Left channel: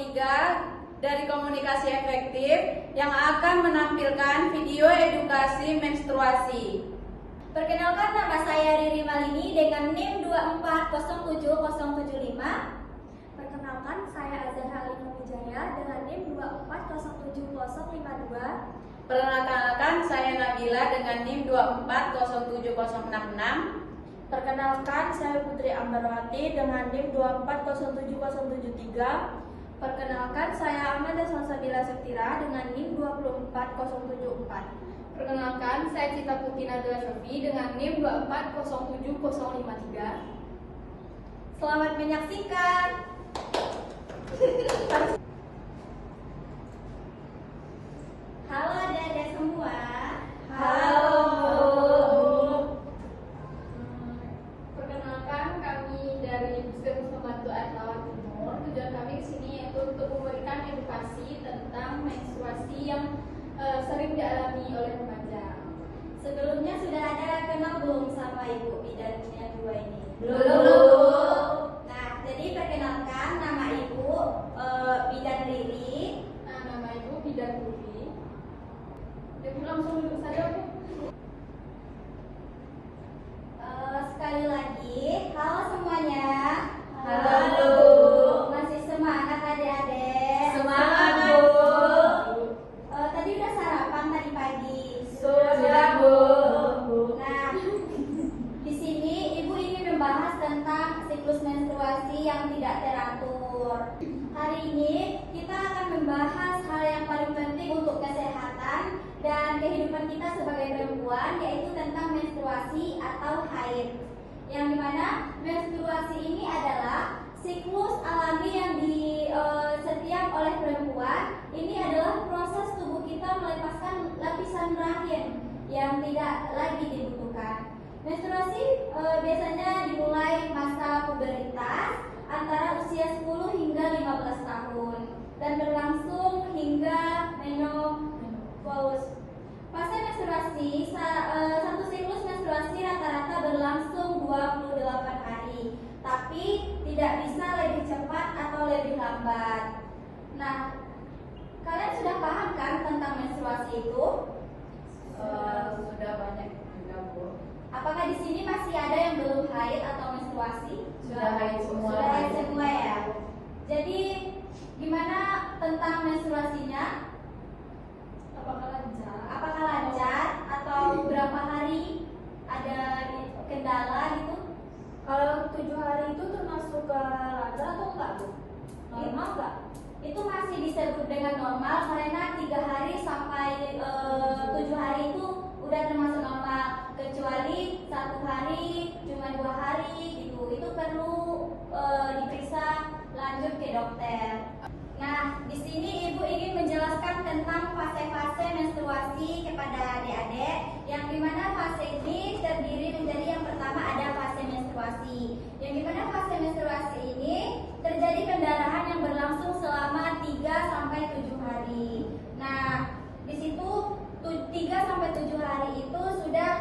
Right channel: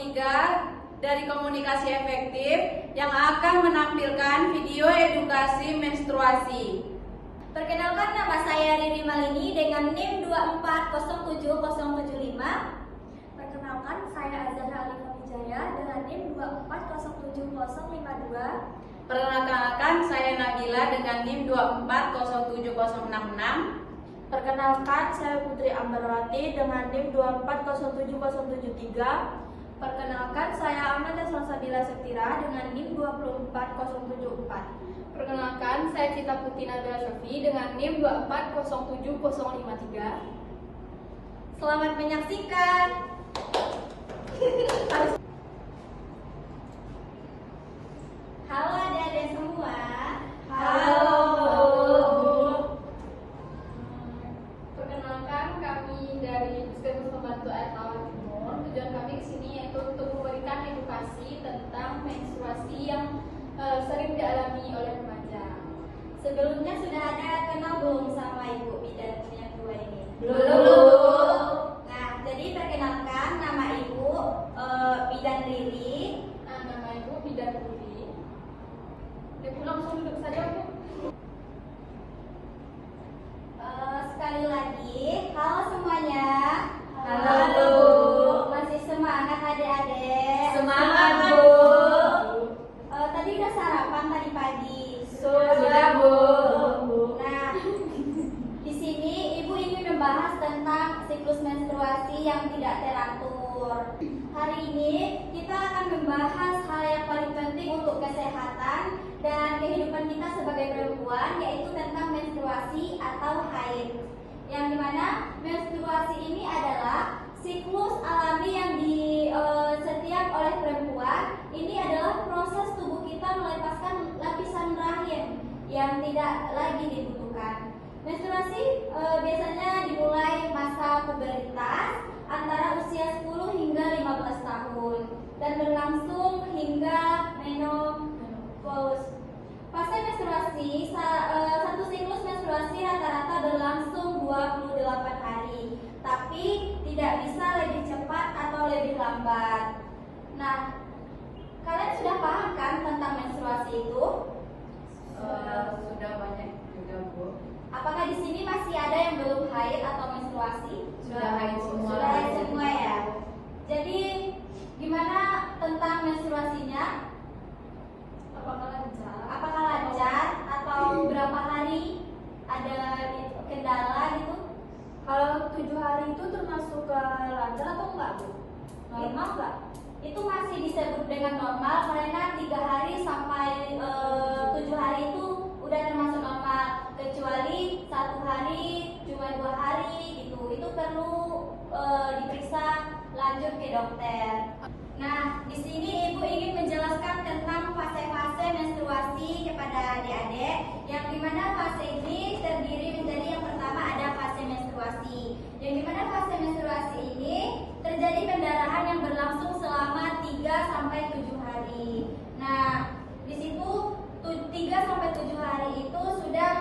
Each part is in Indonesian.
3 dari Komunikasi Efektif yang akan menampilkan video edukasi menstruasi. Perkenalkan, nama saya Riri Malini dengan NIM 2407075. Perkenalkan, saya Azhara Alif Wijaya dengan NIM 2407052. Perkenalkan, saya Nabila dengan NIM 2407066. Perkenalkan, saya Putri Ambarwati dengan NIM 2407073. Perkenalkan, saya Amanda Salsabila Sektira dengan NIM 24074. Perkenalkan, saya Cita Putri Nadila Sofi dengan NIM 2407053. Selamat menyaksikan. Halo adik-adik semua. Halo. Perkenalkan, kami dari Puskesmas Pembantu Air Tawar Timur. Tujuan kami ke sini yaitu untuk memberikan edukasi tentang menstruasi yang sering dialami oleh remaja. Sebelumnya sudah ada kenal belum sama Ibu bidan yang dua ini? Belum. Nah, jadi perkenalkan, nama Ibu Bidan Riri. Nama Ibu Bidan Putri. Ibu langsung duduk saja, Bu. Sekali lagi, halo semuanya. Halo. Masih semangat adik-adik? Semangat, Bu. Tadi udah sarapan tadi pagi? Sudah, Bu. Nah, di sini Ibu ingin membahas tentang siklus menstruasi yang tidak teratur. Hari ini kita akan membahas hal yang paling penting untuk kesehatan dan kehidupan kita sebagai perempuan, yaitu tentang menstruasi atau haid. Yang dimana menstruasi ini adalah siklus alami yang setiap oleh perempuan. Ini adalah proses tubuh kita melepaskan lapisan rahim yang tidak lagi dibutuhkan. Menstruasi biasanya dimulai masa pubertas antara usia 10 hingga 15 tahun dan berlangsung hingga menopause. Fase menstruasi, satu siklus menstruasi rata-rata berlangsung 28 hari, tapi tidak bisa lebih cepat atau lebih lambat. Nah, kalian sudah paham kan tentang menstruasi itu? Sudah banyak juga, Bu. Apakah di sini masih ada yang belum haid atau menstruasi? Sudah haid semua. Sudah haid semua ya. Jadi gimana tentang menstruasinya? Apakah lancar atau berapa hari ada kendala gitu? Kalau 7 hari itu termasuk lancar atau enggak, Bu? Normal enggak? Itu masih disebut dengan normal karena 3 hari sampai 7 hari itu udah termasuk normal, kecuali 1 hari cuma 2 hari gitu, itu perlu diperiksa lanjut ke dokter. Nah, di sini Ibu ingin menjelaskan tentang fase-fase menstruasi kepada adik-adik, yang dimana fase ini terdiri menjadi yang pertama ada fase menstruasi, yang dimana fase menstruasi ini terjadi pendarahan yang berlangsung selama 3 sampai 7 hari. Nah, di situ 3 sampai 7 hari itu sudah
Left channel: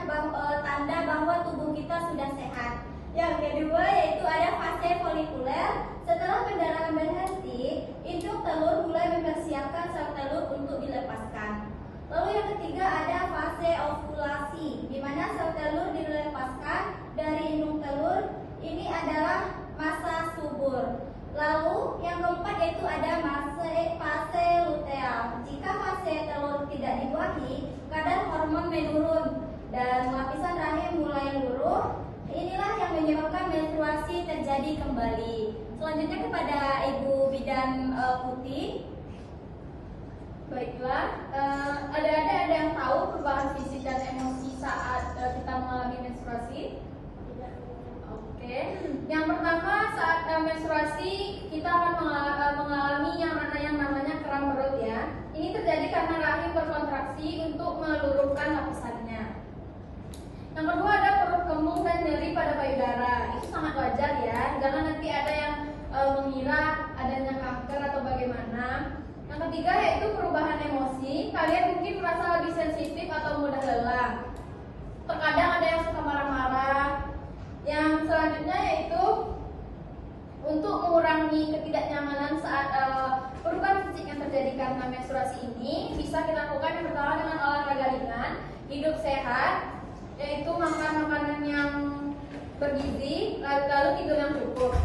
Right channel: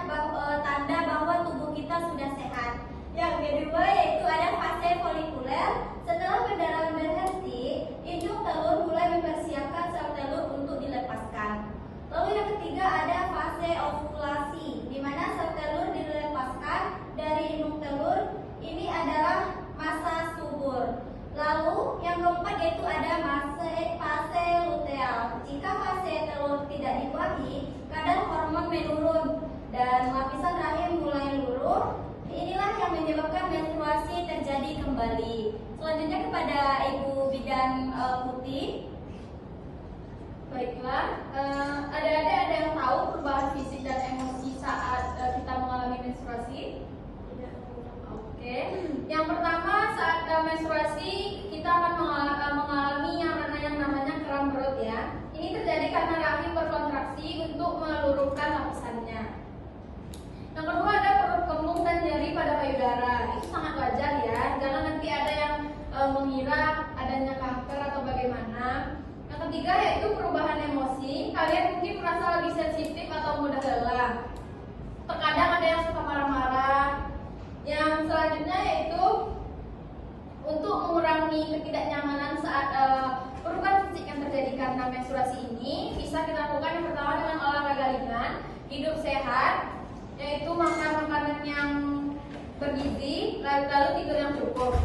tanda bahwa tubuh kita sudah sehat. Yang kedua yaitu ada fase folikuler. Setelah pendarahan berhenti, induk telur mulai mempersiapkan sel telur untuk dilepaskan. Lalu yang ketiga ada fase ovulasi, di mana sel telur dilepaskan dari induk telur. Ini adalah masa subur. Lalu yang keempat yaitu ada fase luteal. Jika fase telur tidak dibuahi, kadar hormon menurun dan lapisan rahim mulai luruh. Inilah yang menyebabkan menstruasi terjadi kembali. Selanjutnya kepada Ibu Bidan Putih. Baiklah, ada yang tahu perubahan fisik dan emosi saat kita mengalami menstruasi? Oke. Yang pertama, saat menstruasi kita akan mengalami yang namanya kram perut ya. Ini terjadi karena rahim berkontraksi untuk meluruhkan lapisannya. Yang kedua ada perut kembung dan nyeri pada payudara. Itu sangat wajar ya. Jangan nanti ada yang mengira adanya kanker atau bagaimana. Yang ketiga yaitu perubahan emosi. Kalian mungkin merasa lebih sensitif atau mudah lelah. Terkadang ada yang suka marah-marah. Yang selanjutnya yaitu untuk mengurangi ketidaknyamanan saat perubahan fisik yang terjadi karena menstruasi ini bisa dilakukan yang pertama dengan olahraga ringan, hidup sehat, yaitu makan makanan yang bergizi, lalu tidur yang cukup.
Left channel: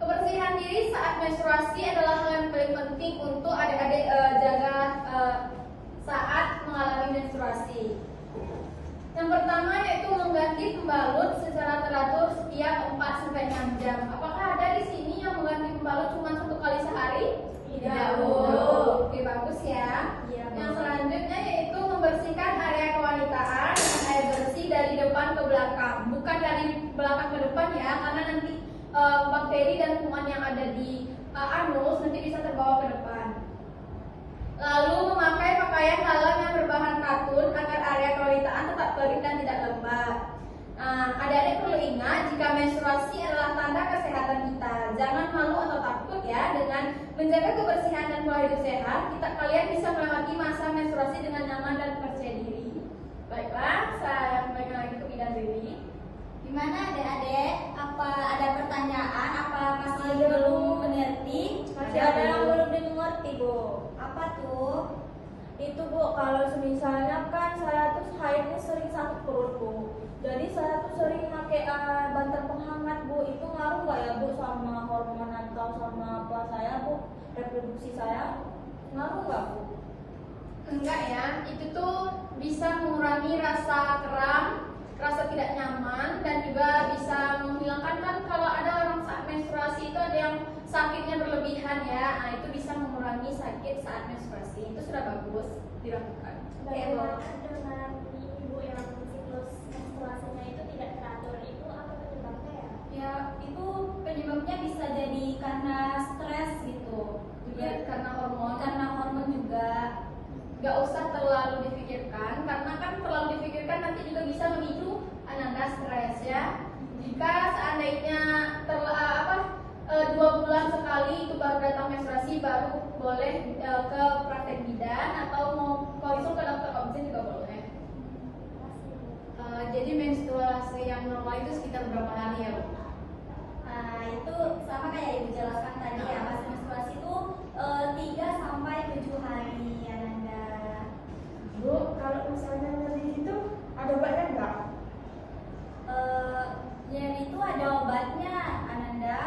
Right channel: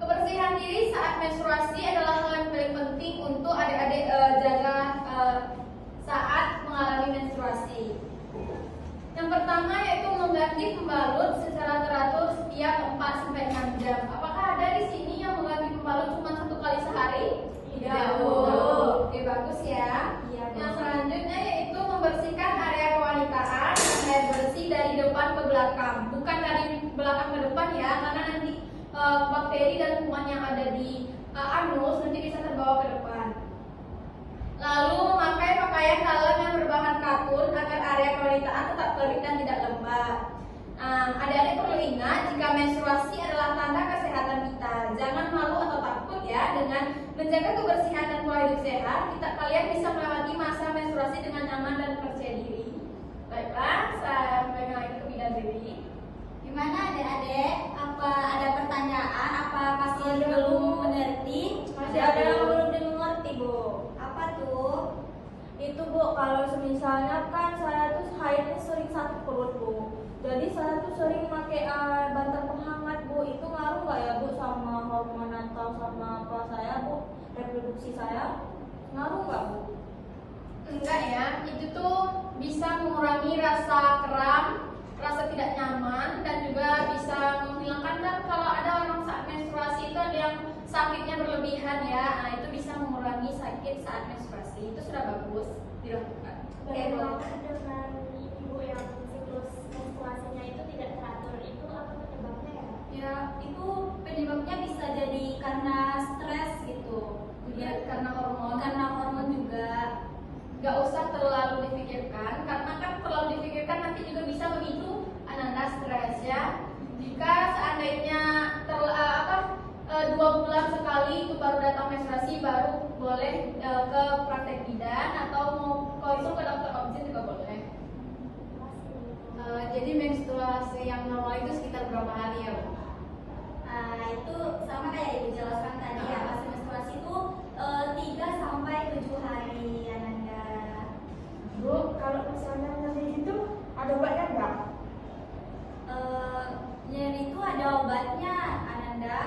Kebersihan diri saat menstruasi adalah hal yang paling penting untuk adik-adik jaga saat mengalami menstruasi. Yang pertama yaitu mengganti pembalut secara teratur setiap 4-6 jam. Apakah ada di sini yang mengganti pembalut cuma 1 kali sehari? Tidak. Oke, bagus ya. Yang selanjutnya yaitu membersihkan area kewanitaan dengan air bersih dari depan ke belakang, bukan dari belakang ke depan ya, karena nanti bakteri dan kuman yang ada di anus nanti bisa terbawa ke depan. Lalu memakai pakaian dalam yang berbahan katun agar area kewanitaan tetap kering dan tidak lembab. Adik-adik perlu ingat jika menstruasi adalah tanda kesehatan kita. Jangan malu atau takut ya, dengan menjaga kebersihan dan pola hidup sehat, kalian bisa melewati masa menstruasi dengan nyaman dan percaya diri. Baiklah, saya kembali lagi ke bidan Dewi. Gimana adik-adik? Apa ada pertanyaan? Apa masih belum mengerti? Masih ada yang belum mengerti, Bu. Apa tuh? Itu Bu, kalau misalnya kan saya tuh haidnya sering sakit perut Bu. Jadi saya tuh sering pakai bantal penghangat Bu. Itu ngaruh nggak ya Bu sama hormon atau sama apa saya Bu? Reproduksi saya ngaruh nggak Bu? Enggak ya, itu tuh bisa mengurangi rasa kram, rasa tidak nyaman, dan juga bisa menghilangkan, kan kalau ada orang saat menstruasi itu ada yang sakitnya berlebihan ya, nah itu bisa mengurangi sakit saat menstruasi. Itu sudah bagus dilakukan. Bagaimana dengan ibu yang siklus menstruasinya itu tidak teratur, itu apa penyebabnya ya? Ya, itu penyebabnya bisa jadi karena stres gitu, Juga karena hormon juga. nggak usah terlalu dipikirkan, karena kan terlalu dipikirkan nanti juga bisa memicu ananda stres ya. Jika seandainya 2 bulan sekali itu baru datang menstruasi, baru boleh ke praktek bidan atau mau konsul ke dokter obstetrik juga boleh. Jadi menstruasi yang normal itu sekitar berapa hari ya, Bu? Nah, itu sama kayak Ibu jelaskan tadi ya, masa menstruasi itu 3-7 hari Ananda. Bu, kalau misalnya nyeri itu ada obatnya nggak? Nyeri itu ada obatnya Ananda.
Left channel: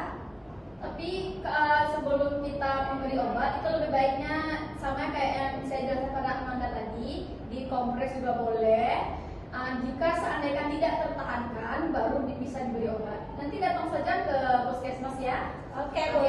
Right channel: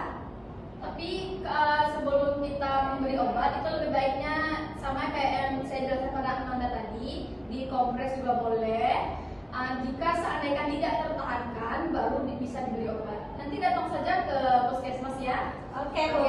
Tapi sebelum kita memberi obat itu lebih baiknya sama kayak yang saya jelaskan pada Amanda tadi, dikompres juga boleh. Jika seandainya tidak tertahankan, baru bisa diberi obat. Nanti datang saja ke puskesmas ya. Oke, Bu.